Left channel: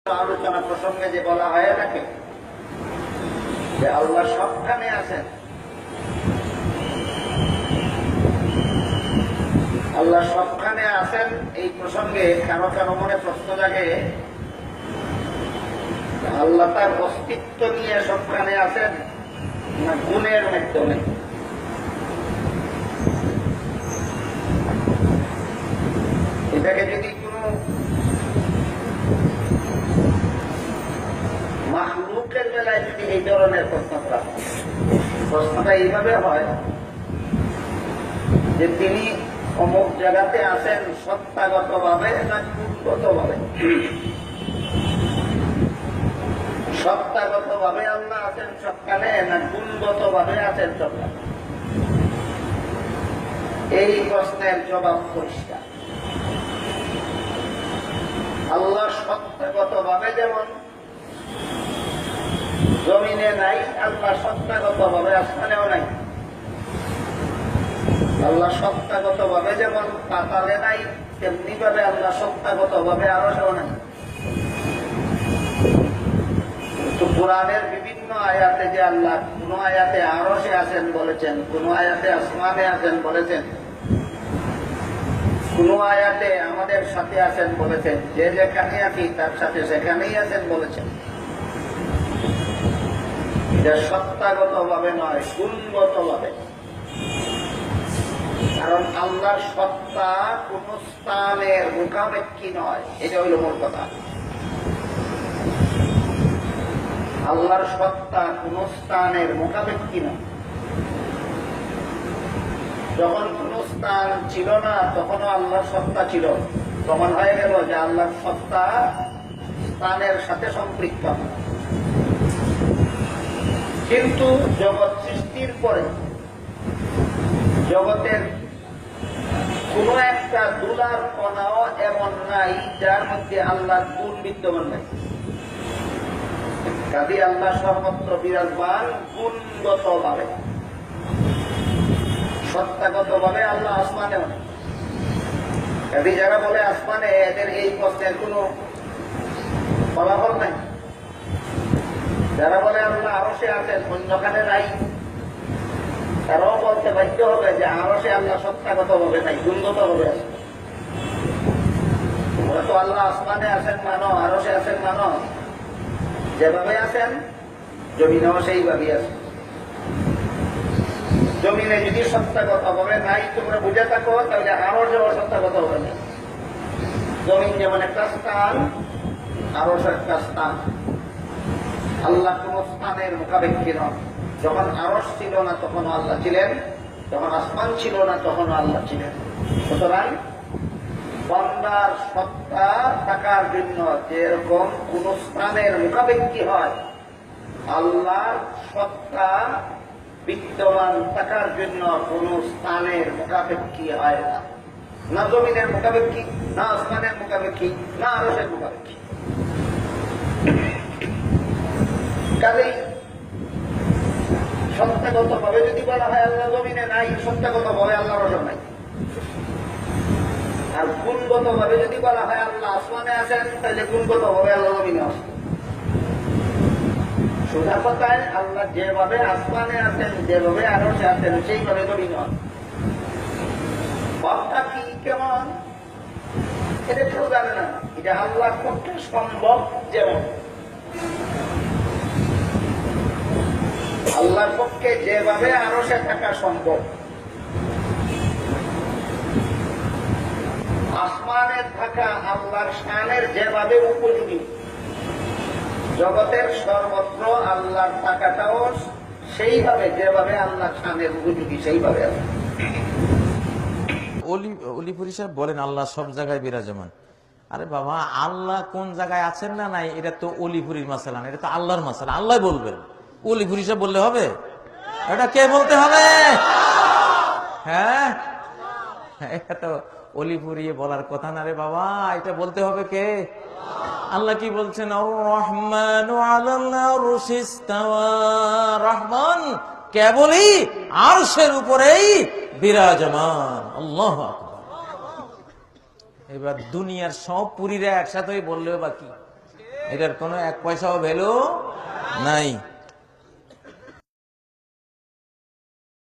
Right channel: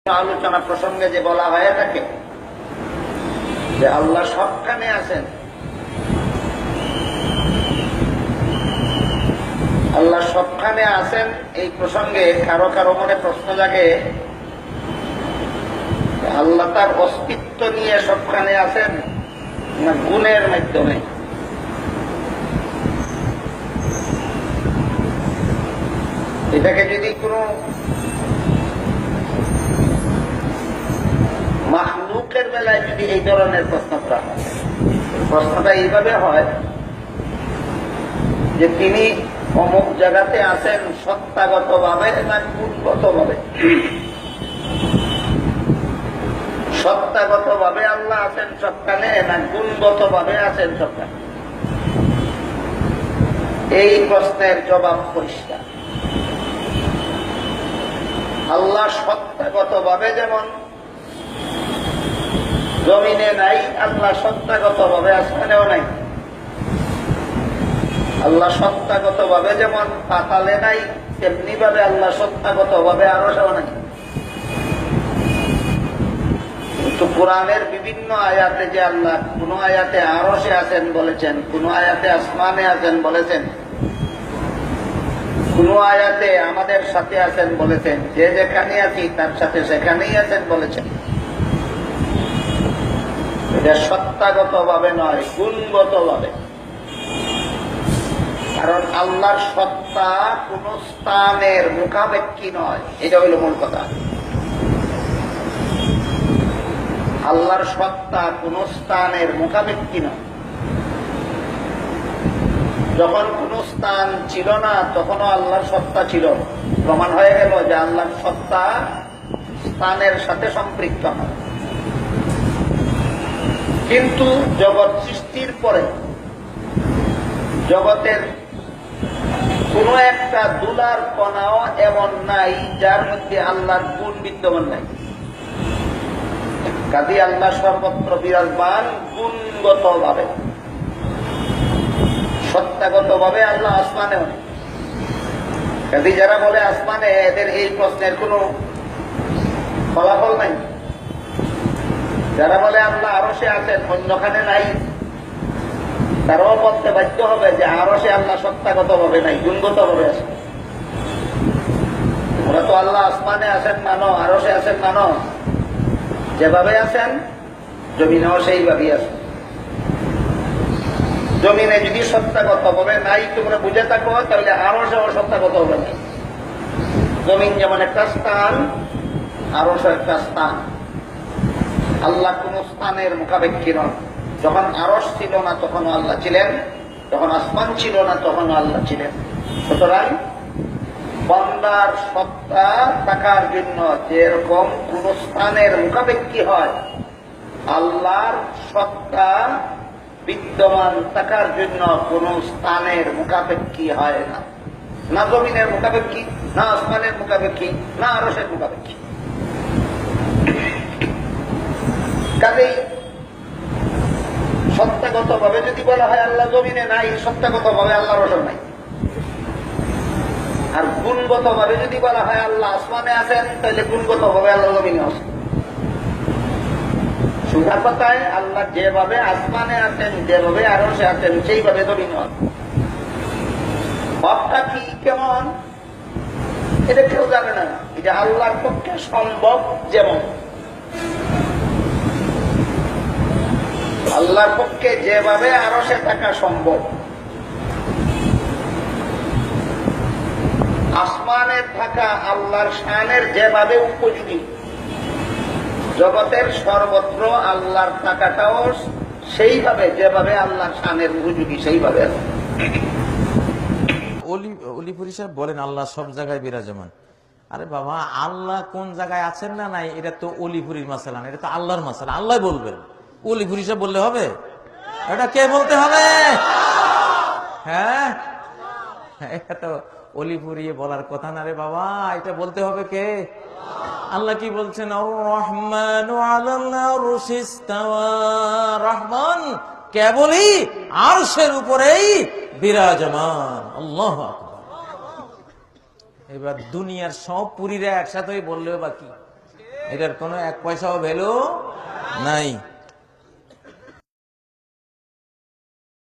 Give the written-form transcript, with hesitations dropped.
আলোচনা প্রসঙ্গে যে বলা হয়ে থাকে যে আল্লাহ সবখানে আছেন, আল্লাহ সবখানে আছেন, এই প্রসঙ্গে কারো কারো মনে প্রশ্ন জাগে আল্লাহ তার অস্তিত্ব নিয়ে সবখানে আছেন না গুণের মাধ্যমে। এটাকে যদি কোনো মাখলুকের বেলায় যদি এই ধরনের প্রশ্ন করা হয়, প্রশ্নটা এইভাবে হয় যে তিনি অমুক জায়গাতে আছেন সত্তাগত ভাবে না গুণগত ভাবে। সত্তাগত ভাবে আল্লাহ আছেন সবখানে না গুণগত ভাবে আছেন সবখানে? এই প্রশ্নের জবাব পরিষ্কার। আল্লাহ সত্তাগত ভাবে যেমন জমিনে নাই, আল্লাহ সত্তাগত ভাবে আসমানেও নাই। আল্লাহ সত্তাগত ভাবে যেমন পাতালে নাই, তেমনি ভাবে আল্লাহ সত্তাগত ভাবে আরশেও নাই। কিন্তু কোরআনের বিভিন্ন আয়াতে যে আল্লাহ কোন আয়াতে আরশে আছেন বলেছেন, কোন আয়াতে আসমানে আছেন বলেছেন, কোন আয়াতে আমাদের সাথে আছেন বলেছেন, যে যেখানে আছি তার সাথে সেখানেই আছেন বলেছেন। এটা সত্তাগত ভাবে নয়, গুণগত ভাবে। কারণ আল্লাহর সত্তা কোন স্থানের মুখাপেক্ষী নয়, এটা হইল মূল কথা। আল্লাহর সত্তা কোন স্থানের মুখাপেক্ষী নয়। যখন কোন স্থান ছিল না তখনও আল্লাহর সত্তা ছিল। প্রমাণ হয়ে গেল যে আল্লাহর সত্তা স্থানের সাথে সম্পৃক্ত না। কিন্তু জগৎ সৃষ্টির পরে জগতের কোন একটা দুলার কণাও এমন নাই যার মধ্যে আল্লাহর গুণ বিদ্যমান নাই। কাজে আল্লাহ সর্বত্র বিরাজমান গুণগত ভাবে। সত্তাগত ভাবে আল্লাহ আসমানেও নেই। কাজে যারা বলে আসমানে, এদের এই প্রশ্নের কোনো ফলাফল নাই। যারা বলে আল্লাহ আরশে আছেন অন্যখানে নাই, তারাও বলতে বাধ্য হবে যে আরশে আল্লাহ সত্তাগত ভাবে নাই, গুণগত ভাবে আছে। তোমরা তো আল্লাহ আসমানে আছেন মানো, আরশে আছেন মানো, যেভাবে আছেন জমিনেও সেইভাবেই আছে। জমিনে যদি সত্তাগত ভাবে নাই তোমরা বুঝে থাকো, তাহলে আরশে অসত্তাগত হবে না। জমিন যেমন একটা স্থান, আরশ একটা স্থান। আল্লাহ কোন স্থানের মুখাপেক্ষী নন। যখন আরশ ছিল না তখনও আল্লাহ ছিলেন, যখন আসমান ছিল না তখনও আল্লাহ ছিলেন। সুতরাং বান্দার সত্তা থাকার জন্য যেরকম কোন স্থানের মুখাপেক্ষী হয়, আল্লাহর সত্তা বিদ্যমান থাকার জন্য কোন স্থানের মুখাপেক্ষী হয় না। না জমিনের মুখাপেক্ষী, না আসমানের মুখাপেক্ষী, না আরশের মুখাপেক্ষী। কাজেই সত্তাগত ভাবে যদি বলা হয় আল্লাহ জমিনে নাই, সত্তাগত ভাবে আল্লাহ রসম নাই। আর গুণগত ভাবে যদি বলা হয় আল্লাহ আসমানে আছেন, তাহলে গুণগত ভাবে আল্লাহ জমিনে আছেন। সোজা কথায় আল্লাহ যেভাবে আসমানে আছেন, যেভাবে আরশে আছেন, সেইভাবে জমিনে আছেন। ভাবটা কি কেমন এটা কেউ জানে না। এটা আল্লাহর পক্ষে সম্ভব। যেমন আল্লাহর পক্ষে যেভাবে আরশে থাকা সম্ভব, আসমানের থাকা আল্লাহর শানের যেভাবে উপযোগী, জগতের সর্বত্র আল্লাহর থাকাটাও সেইভাবে, যেভাবে আল্লাহর শানের উপযোগী সেইভাবে আছে। অলিপুরি সাহেব বলেন আল্লাহ সব জায়গায় বিরাজমান। আরে বাবা, আল্লাহ কোন জায়গায় আছেন না নাই এটা তো অলিপুরির মাসালা না, এটা তো আল্লাহর মাসালা। আল্লাহ বলবেন, অলিপুরি সাহেব বললে হবে? এটা কে বলতে হবে? হ্যাঁ, এটা তো অলিপুরিয়ে বলার কথা না রে বাবা, এটা বলতে হবে কে? আল্লাহ কি বলছেন? আর-রহমান আলাল আরশি ইস্তাওয়া। রহমান কেবলই আরশের উপরেই বিরাজমান। আল্লাহু আকবার। এবার দুনিয়ার সব পুরীরা একসাথে বললেও বাকি এটার কোনো এক পয়সাও ভ্যালু নাই।